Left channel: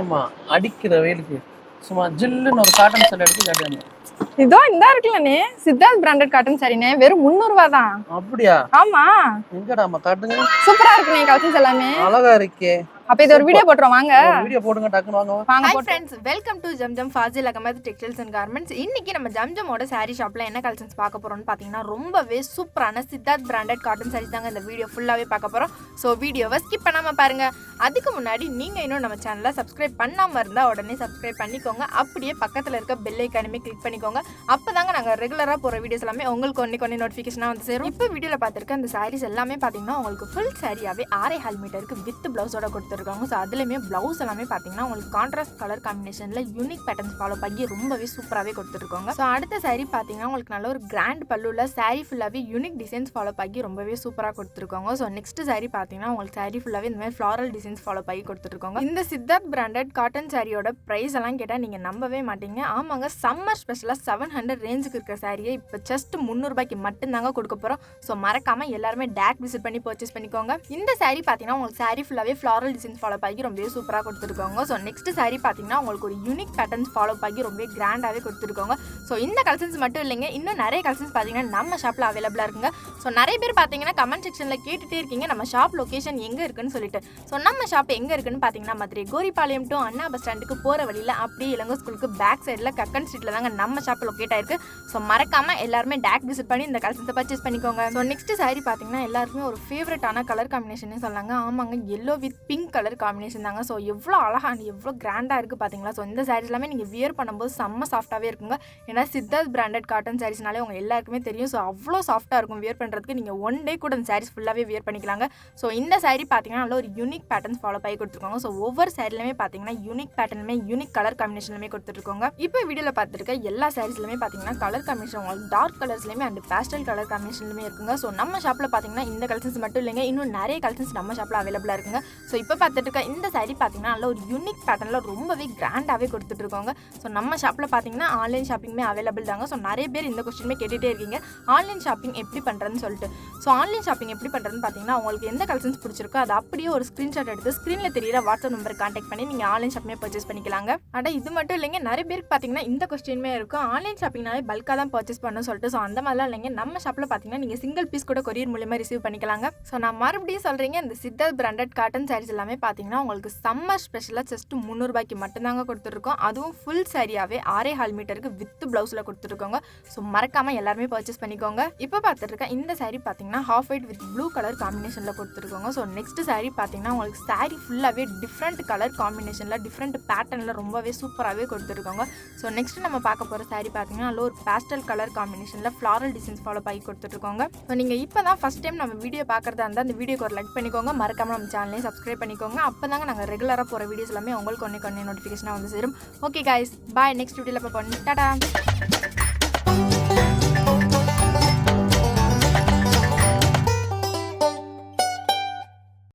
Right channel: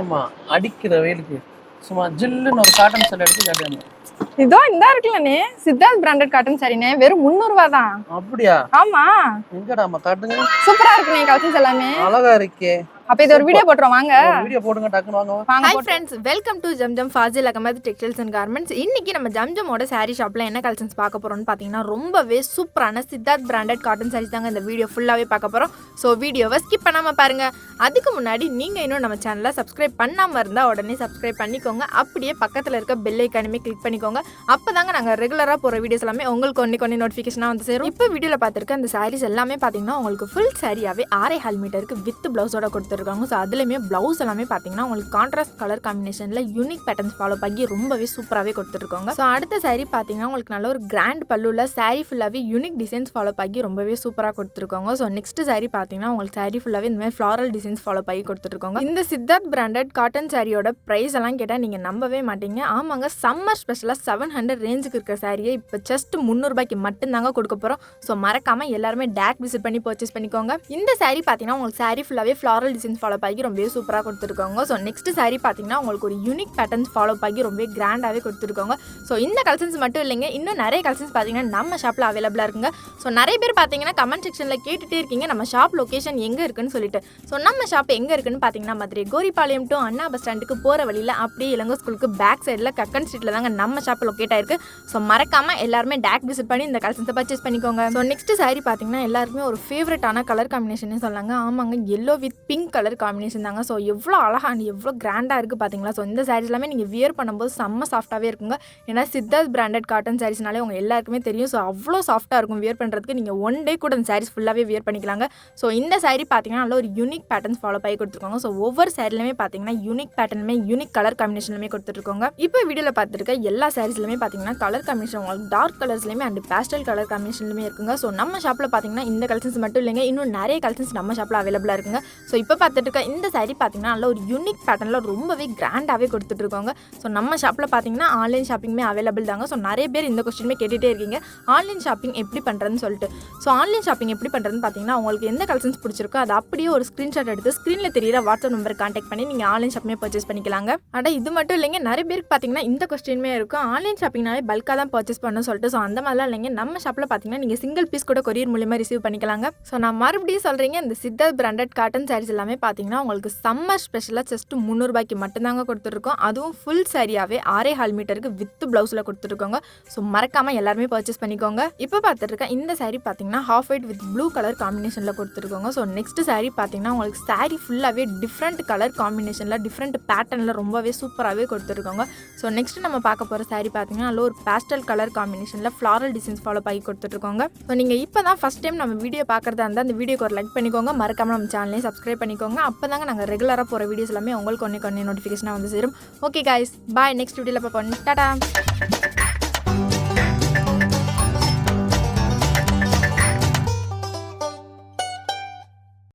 ஏமா அடிக்கிற வெயிலுக்கு சும்மா ஜில்லுன்னு ஒரு காட்டன் சேலை எடுத்து காட்டுங்க. இதோ இந்த இருக்குல்லனே சித்தார்த் பிராண்டட் காட்டன் சாரினே வெறும் 300 ரூபாய் தான். அப்படியா? ஆமா. எங்கடாமா காட்டுங்க. சூப்பரா இருக்குனே கலெக்ஷன்ஸ் எல்லாமே. அழகா இருக்கே. அப்ப இது ஒரு வீடியோ போட்றோம் வாங்க. ஒரு வீடியோ போடுங்க டக்குனு வாங்க. வாங்க friends, welcome to Zamzam Fazil Ahmed textiles and garments. இன்னைக்கு நம்ம ஜம்ஜமோட சாரி ஷாப்ல என்ன கலெக்ஷன்ஸ் பார்க்க போறோம்னு பாத்தீங்கன்னா ரொம்பவே சூப்பரான சித்தார்த் பிராண்டட் காட்டன் சாரீஸ் தாங்க இந்த வீடியோ ஃபுல்லாவே பார்க்க போறோம். சோ வீடியோவை ஸ்கிப் பண்ணாம பாருங்க. அதுக்கு முன்னாடி நீங்க இன்னும் நம்ம சேனலை சப்ஸ்கிரைப் பண்ணாம இருந்தா உடனே சப்ஸ்கிரைப் பண்ணிக்கோங்க. அப்படியே பக்கத்துல இருக்க பெல் ஐகானையுமே கிளிக் பண்ணிக்கோங்க. அப்பதாங்க நாங்க ரெகுலரா போற வீடியோஸ் எல்லாமே உங்களுக்கு ஒண்ணே நோட்டிஃபிகேஷனா வந்து சேரும். இப்போ வீடியோல பார்த்திருக்க இந்த சாரீஸ் எல்லாமே பாத்தீங்கன்னா உங்களுக்கு ஃபுல் சாரியாவே 6.5 மீட்டருக்கு வித் பிளவுஸோட கொடுத்துருக்காங்க. ஸோ அதுலயுமே பிளவுஸ் எல்லாமே பாத்தீங்கன்னா உங்களுக்கு கான்ட்ராஸ்ட் கலர் காம்பினேஷன்ல யூனிக் பேட்டர்ன்ஸ் ஃபாலோ பண்ணி ரொம்பவே சூப்பராகவே கொடுத்துருக்காங்க. ஸோ அடுத்த சாரீ பாத்தீங்கன்னா உங்களுக்கு நல்ல ஒரு கிராண்ட் பல்லுல சாரீ ஃபுல்லாவே யூனிக் டிசைன்ஸ் ஃபாலோ பண்ணி ரொம்பவே சூப்பராக கொடுத்துருக்காங்க. ஸோ நெக்ஸ்ட் சாரீ பாத்தீங்கன்னா உங்களுக்கு சாரீ ஃபுல்லாவே இந்த மாதிரி ஃப்ளாரல் டிசைன்ஸ் ஃபாலோ பண்ணி கொடுத்துருக்காங்க. இந்த சித்தார்த் பிராண்டட் காட்டன் சாரியோட பிரைஸ் எல்லாம் கேட்டா நீங்க நம்பவே மாட்டீங்க. ஆமாங்க, சம்மர் ஸ்பெஷலா 700 ரேஞ்சுக்கு இருக்க சாரியை இப்போ ஜஸ்ட் 300 ரூபாய்க்கு மட்டும்தாங்க கொடுக்க போறோம். ஸோ மறக்காம எல்லாருமே டேக் விசிட் பண்ணி பர்ச்சேஸ் பண்ணிக்கோங்க. இந்த சாரீ பாத்தீங்கன்னா உங்களுக்கு சாரீ ஃபுல்லாவே ஃப்ளாரல் டிசைன்ஸ் ஃபாலோ பண்ணி ரொம்பவே சூப்பராக கொடுத்துருக்காங்க. ஸோ நெக்ஸ்ட் சாரீ பார்த்தீங்கன்னா உங்களுக்கு ஒரு யூனிக் பேட்டர்ன்ஸ் ஃபாலோ பண்ணி ரொம்ப கிராண்டாகவே கொடுத்துருக்காங்க. ஸோ இந்த கலெக்ஷன்ஸ் மட்டும் இல்லைங்க, இன்னும் நிறைய கலெக்ஷன்ஸ் பார்த்தீங்கன்னா நம்ம ஷாப்பில் அவைலபிளாக இருக்குங்க. ஸோ நிறைய பேர் பார்த்தீங்கன்னா கமெண்ட் செக்ஷனில் கேட்டுகிட்டே இருக்கீங்க நம்ம ஷாப் லொக்கேஷன் எங்கே இருக்குன்னு சொல்லிட்டு. ஸோ நம்ம ஷாப் எங்கே இருக்குன்னு பார்த்தீங்கன்னா Madurai Goripalayam to Anna bus ஸ்டாண்டுக்கு போகிற வழியில் அப்படியே இளங்கோ ஸ்கூலுக்கு பேக் சைடில் கக்கன் ஸ்ட்ரீட்டில் தாங்க நம்ம ஷாப் லொக்கேட் ஆயிருக்கு. ஸோ மறக்காமல் எல்லாருமே டேக் விசிட் பண்ணி இந்த கலெக்ஷன்ஸை பர்ச்சேஸ் பண்ணிக்கோங்க. ஸோ நெக்ஸ்ட் சாரீ பார்த்தீங்கன்னா எல்லாருமே ஒரு ஃபேவரட்டான கலர் காம்பினேஷன் சொல்லாங்க. ஆமாங்க, yellow with pink colour combination தாங்க. ஸோ எவ்வளோ அழகாக எவ்வளோ கிராண்டாக இருக்குது பார்த்தீங்களா. ஸோ இந்த சாரீஸ் எல்லாமே நீங்கள் வியர் பண்ணும்போது செம்ம சாஃப்ட்டாகவே இருக்குங்க. ஏன்னா சித்தார்த் பிராண்டட் காட்டன் சாரீஸ்னாலே உங்கள் எல்லாருக்குமே தெரியும். ஸோ அவ்வளோ சாஃப்ட்டாக இருக்கும் வியர் பண்ணுறதுக்கு. நீங்கள் ஒன் டே கூட இந்த சாரீஸ் ஃபுல்லாகவே வியர் பண்ணிக்கலாங்க. ஸோ இந்த சாரீ பார்த்தீங்கன்னா நல்ல ஒரு யூனிக் பேட்டர்ன்ஸ் ஃபாலோ பண்ணி கொடுத்துருக்காங்க. ஸோ ஒவ்வொரு சாரீலுமே பார்த்தீங்கன்னா யூனிக் பேட்டர்னுமே யூனிக் கலர் காம்பினேஷன்லுமே கொடுத்துருக்காங்க. இப்போ வீடியோவில் பார்த்துருக்க எல்லா சாரீஸ்லுமே பார்த்தீங்கன்னா கலர் காம்பினேஷன் உங்களுக்கு டார்க் கலர்ஸ்லையுமே அண்ட் பேஸ்டல் கலர் காம்பினேஷன்லுமே இருக்குங்க. ஸோ நம்ம ஷாப்பில் பார்த்தீங்கன்னா இந்த கலெக்ஷன்ஸ் மட்டும் இல்லைங்க, இன்னும் நிறைய கலெக்ஷன்ஸ் நம்ம ஷாப்பில் அவைலபிளாக இருக்குங்க. ஸோ இப்போ பார்த்துட்டு இருக்க இந்த சாரீ பார்த்தீங்கன்னா நல்ல ஒரு யூனிக் பேட்டர்னில் ரொம்பவே கிராண்டாகவே கொடுத்துட்டு இருக்காங்க. ஸோ நம்ம ஷாப்பில் பார்த்தீங்கன்னா ஆன்லைன் ஷாப்பிங்குமே அவைலபிள் தாங்க. ஸோ நிறைய பேர் இந்த கொஸ்டினுமே கேட்டுகிட்டே இருக்கீங்க ஆன்லைன் ஷாப்பிங் எப்படி பண்ணுறதுன்னு சொல்லிட்டு. ஸோ ஆன்லைன் ஷாப்பிங் எப்படி பண்ணுறதுன்னு பார்த்தீங்கன்னா உங்களுக்கு எந்த கலெக்ஷன்ஸ் பிடிச்சிருக்கோ அதை அப்படியே ஒரு ஸ்க்ரீன்ஷாட் எடுத்து ஸ்க்ரீனில் தெரியிற வாட்ஸ்அப் நம்பர் கான்டாக்ட் பண்ணி நீங்கள் ஆன்லைன் ஷாப்பிங்கே பர்ச்சேஸ் பண்ணிக்கலாங்க. ஆனால் இது மட்டும் இல்லைங்க, நிறைய பேருக்கு பார்த்தீங்கன்னா இந்த கொஸ்டினுமே இருக்கும் ஆன்லைன் ஷாப்பிங்னாலே பல்காக தான் பர்ச்சேஸ் பண்ணணும்னு சொல்லிட்டு. ஸோ அந்த மாதிரிலாம் இல்லைங்க, நம்ம ஷாப்பில் பார்த்தீங்கன்னா நீங்கள் சிங்கிள் பீஸ் கூட கொரியர் மூலியமாக ரிசீவ் பண்ணிக்கலாங்க. ஸோ நான் மறுபடியும் சொல்கிறீங்க, இந்த சித்தார்த் பிராண்டட் காட்டன் சாரீஸ் எல்லாமே பார்த்தீங்கன்னா உங்களுக்கு சம்மர் ஸ்பெஷலாக ஜஸ்ட் 300 ரூபாய்க்கு மட்டும்தாங்க கொடுத்துருக்கோம். அதுவும் ஃபுல் சாரியாவே 6.5 மீட்டருக்கு வித் பிளவுஸில் கொடுத்துருக்கோங்க. ஸோ மறக்காமல் எல்லாருமே பர்ச்சேஸ் பண்ணிக்கோங்க. இப்போ பார்த்துருக்கேன் இந்த சாரீ பார்த்தீங்கன்னா half white with blue colour காம்பினேஷனில் கொடுத்துருக்கோங்க. ஸோ நெக்ஸ்ட் சாரீ பார்த்தீங்கன்னா உங்களுக்கு சாரீ ஃபுல்லாகவே டிஃப்ரெண்ட் கலர் காம்பினேஷனில் டிஃப்ரெண்ட் பேட்டர்னில் ரொம்பவே சூப்பராகவே கொடுத்துருக்காங்க. ஸோ நெக்ஸ்ட் நம்ம பார்க்க போகிற சாரீ பார்த்தீங்கன்னா நல்ல ஒரு பேஸ்டல் கலர் காம்பினேஷனில் ஃப்ளாரல் டிசைன்ஸ் ஃபாலோ பண்ணி கொடுத்துருக்காங்க. ஸோ நீங்கள் இப்போ தான் ஃபஸ்ட் டைம் நம்ம வீடியோ பார்க்குறதா இருந்தால் அந்த வீடியோக்கு ஒரு லைக் பண்ணிக்கோங்க. மறக்காமல் நம்ம சேனலையும் சப்ஸ்கிரைப் பண்ணிக்கோங்க. அப்போ தாங்க நாங்கள் ரெகுலராக போகிற வீடியோஸ் எல்லாமே உங்களுக்கு ஒன்றே நோட்டிஃபிகேஷனாக வந்து சேரும். ஓகே காய்ஸ், பாய். நெக்ஸ்ட் வீடியோவில் பார்ப்போம். டாடா.